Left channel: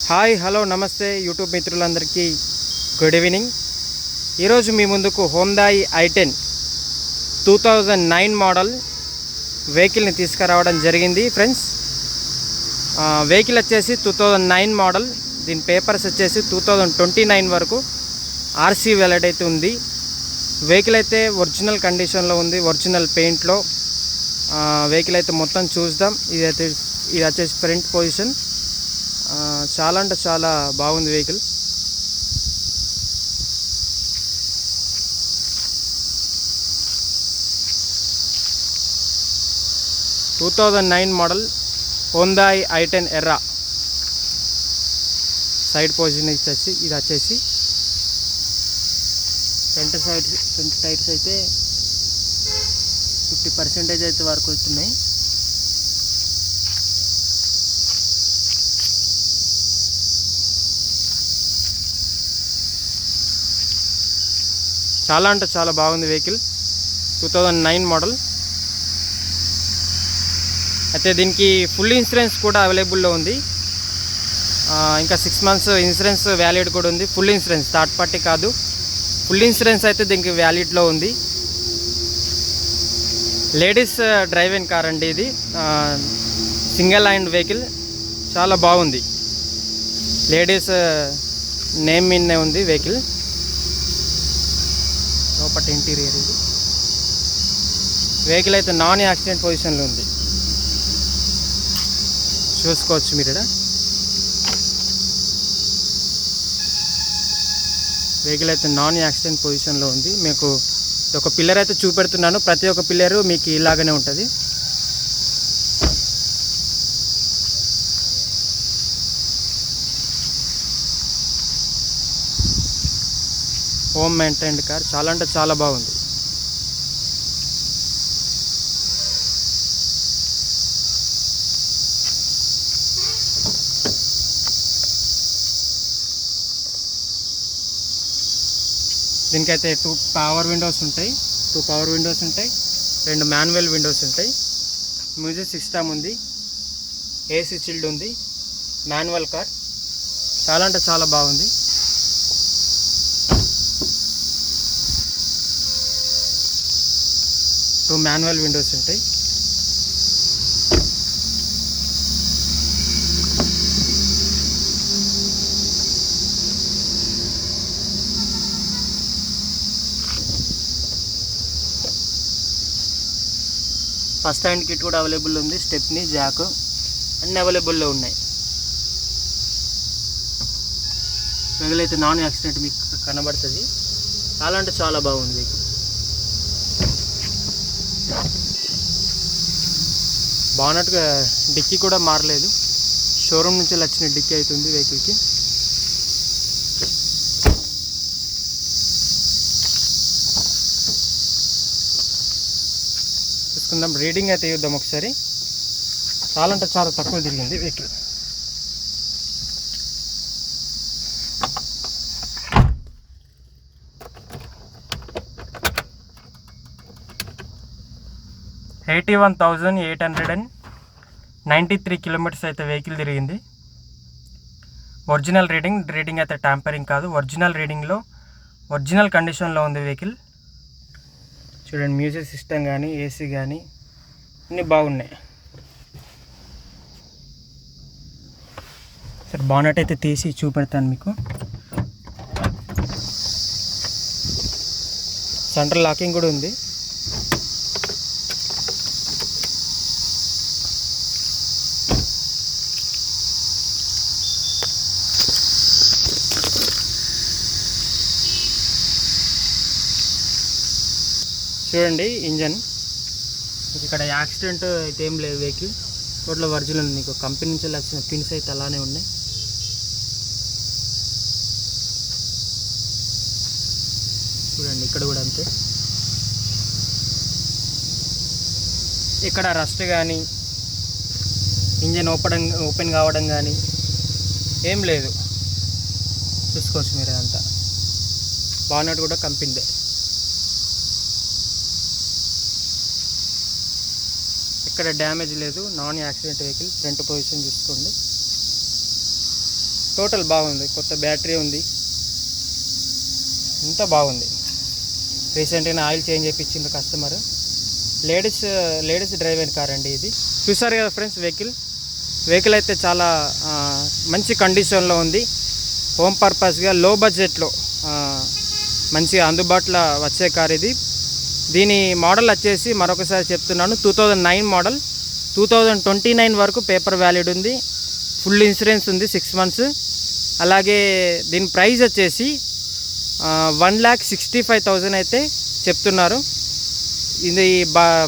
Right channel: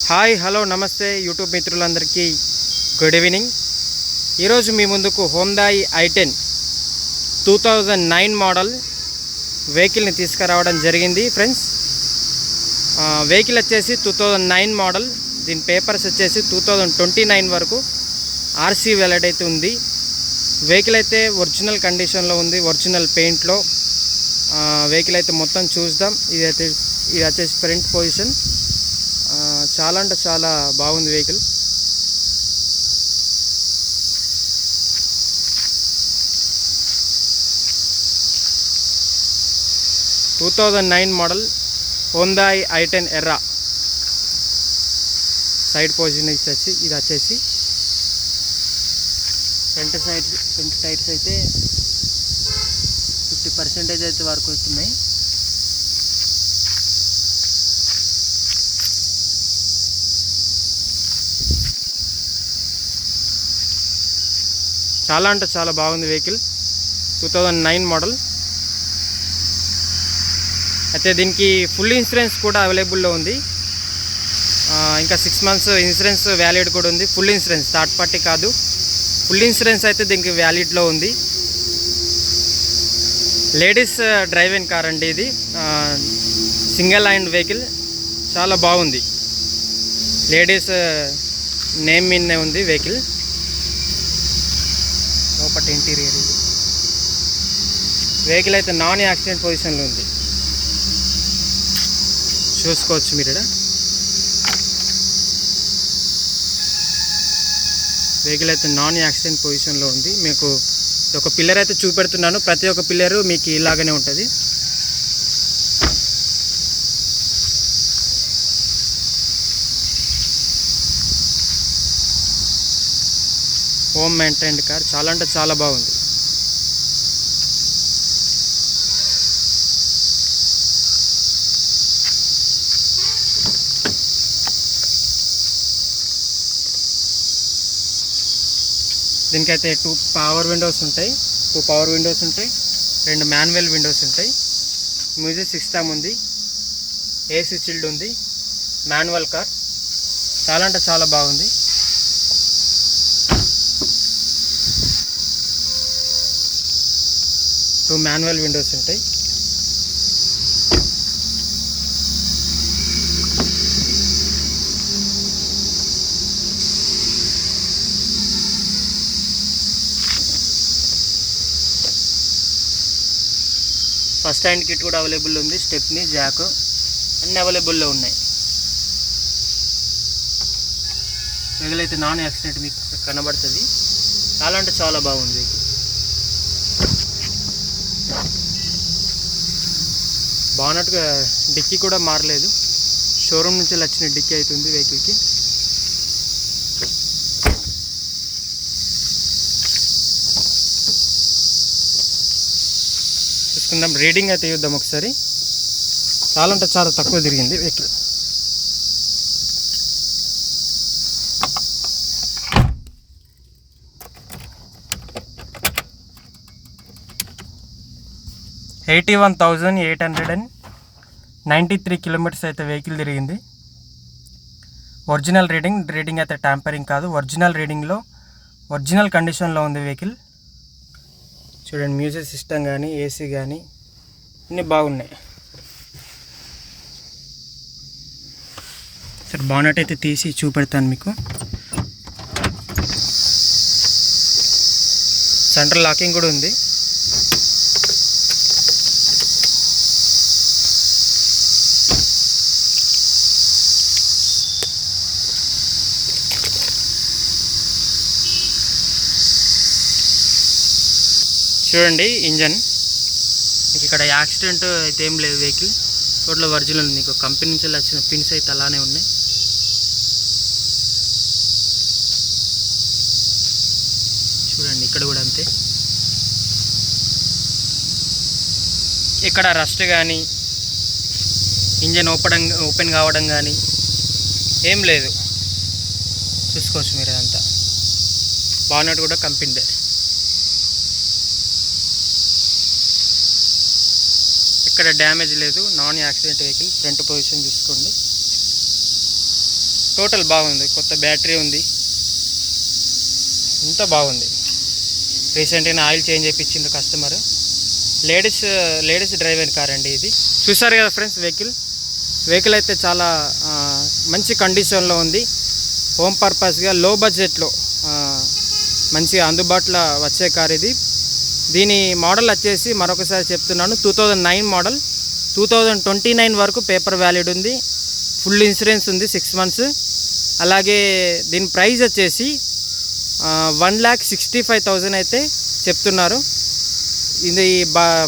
Hi hello నమస్తే యూట్యూబ్ మిత్రులందరికీ good evening. ఈరోజు మీ ముందుకు హోండాయి i10 2009 మోడల్ వెహికల్ని తీసుకురావడం జరిగింది ఫ్రెండ్స్. వెహికల్ వచ్చేసి 2009 మోడల్. దీని పేపర్స్ వచ్చేసి 2029 వరకు ఆర్సీ వ్యాలిడ్ అయితే ఉంది. వెహికల్ అయితే ఒరిజినల్ కండిషన్లో ఉంది, ఒరిజినల్ పెయింట్లో. వెహికల్ అయితే మొత్తం చూద్దాం. ఇది వచ్చేసి ఫ్రంట్ పొజిషన్. చాలా అంటే చాలా బాగుంది వెహికల్. టూ 2009 మోడల్ హోండాయి i10 ఎర్రా. సైడ్ పొజిషన్ ఇది వచ్చేసి ఫ్రంట్ టైర్స్ అయితే 50% అయితే వరకు వస్తున్నాయి. చాలా అంటే చాలా బాగుంది వెహికల్. 2009 మోడల్. అయితే దీనికి ఫుల్ ఇన్సూరెన్స్ కూడా అవైలబుల్లో ఉంది. ఇంకా 6 months ఇన్సూరెన్స్ వ్యాలిడ్ కూడా ఉంది. ఫుల్ ఇన్సూరెన్స్, థర్డ్ పార్టీ కాదు, ఫుల్ ఇన్సూరెన్స్ అయితే దీనికి వ్యాలిడ్లో ఉంది. లేడీస్ డ్రైవింగ్ కార్ అండి ఇది. సింగిల్ హ్యాండ్ వెహికల్, చాలా బాగుంది. లేడీస్ నేమ్ మీదనే ఉంది వెహికల్. లోపల ఇంటీరియర్ ఇది. వెహికల్ అయితే నాన్ యాక్సిడెంట్ పొజిషన్లో ఉంది, చూసుకోవచ్చు మీరు. వెహికల్ అయితే నాన్ యాక్సిడెంట్ పొజిషన్లో ఉంది. మీకు ఒక పిల్లర్ అయితే చూపెడుతున్నాను. ప్రతి ఒక్క పిల్లరు మీకు ఇలాగనే ఉంటుంది. హోమ్ మెయింటైన్డ్ కార్, చాలా అంటే చాలా బాగుంది. దీనికైతే 2 పవర్ విండోస్ ఉంటాయి. 2 మాన్యువల్ విండోస్ ఉంటాయి. మ్యూజిక్ సిస్టమ్ ఉంది, ఏసీ చిల్డ్ ఉంది. మాన్యువల్ కార్, చాలా అంటే చాలా బాగుంది. మాన్యువల్ విండోస్ ఉంటాయి. ఫస్ట్ హ్యాండ్ కిట్ కూడా అవైలబుల్ ఉంది. స్టెప్ని, జాక్ అన్నీ అవైలబుల్లో ఉన్నాయి. వెహికల్ అయితే నాన్ యాక్సిడెంట్ మీకు కనబడుతుంది. చాలా అంటే చాలా బాగుంది. బాగున్నట్టుగా డిక్కీ కూడా మారలేదు, షోరూమ్ నుంచి వచ్చిన డిక్కీ అవుతుంది వెహికల్కి. చూసుకుందాం, రీడింగ్ అయితే చూద్దాం ఒకసారి. చాలా అంటే చాలా తక్కువ తిరిగింది వెహికల్. $81,893 కిలోమీటర్స్ అయితే వెహికల్ తిరిగింది. ఒరిజినల్ రీడింగ్ అయితే ట్యాంపరింగ్ కాదు, ఒరిజినల్ రీడింగ్లో ఒరిజినల్ కండిషన్లో ఉంది వెహికల్. చూడండి, మ్యూజిక్ సిస్టమ్ కానీ, ఏసీ కానీ అన్నీ బాగున్నాయి. సరే, బానెట్ అయితే తీసి చూపెడతాను మీకు. సెంట్రల్ లాకింగ్ కూడా ఉంది. చూడండి ఇంజన్. మీకు ఇక్కడ యాక్సిడెంట్ అయితే ఏం లేదు. వెహికల్ టోటల్ ఒరిజినల్ ఉంది. మీకు కంపెనీ నుంచి వచ్చిన పిన్స్ అయితే అలానే ఉన్నాయి. చూడండి, ఇక్కడ కూడా అంతే. ఇక్కడ రస్ట్ కానీ, ఇంజన్ ఓపెన్ కావడం కానీ ఏం లేదు. చూసుకోవచ్చు మీరు. అదంతా బానెట్ కూడా కంపెనీదే. ఎక్కడ డ్యామేజ్ లేదు, non accident vehicle. Front position చూసుకోండి. టోటల్ బాగుంది, కొత్త బ్యాటరీ ఉంది, ఇంత బాగుంది. రీసెంట్గా ఆయిల్ చేంజ్ చేయించింది కస్టమర్. లేడీస్ డ్రైవ్ అయిన కార్ అండి ఇది. చూసారు కదా ఫ్రెండ్స్, వెహికల్ అయితే చాలా మంచి కండిషన్లో ఉంది. హోమ్ పర్పస్గా లో బడ్జెట్లో మంచిగా అందుబాటులో వచ్చే కార్ ఇది. దీని మోడల్ వచ్చేసి మరొకసారి చెప్తున్నాను, 2009 మోడల్. 2029 వరకు పేపర్ వ్యాలిడ్ ఉంది. ఫుల్ ఇన్సూరెన్స్ ఉంది 6 months. అలాగే దీని ప్రైస్ వచ్చేసి 1,65,000 అయితే చెప్తున్నారు. ఇది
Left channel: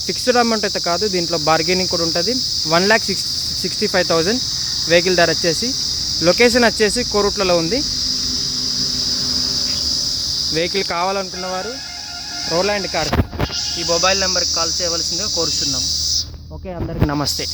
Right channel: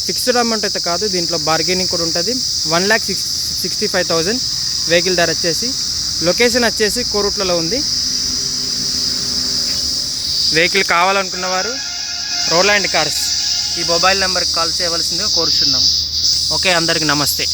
ఫిక్స్డ్ అమౌంట్ అయితే కాదు, దీంట్లో బార్గెనింగ్ కూడా ఉంటుంది. 1,65,000 వెహికల్ ధర వచ్చేసి. లొకేషన్ వచ్చేసి కోరుట్లలో ఉంది. వెహికల్ కావాలనుకున్న వారు రోలాండ్ కార్స్ ఈ మొబైల్ నెంబర్కి కాల్ చేయవలసిందిగా కోరుచున్నాం. ఓకే, అందరికీ నమస్తే.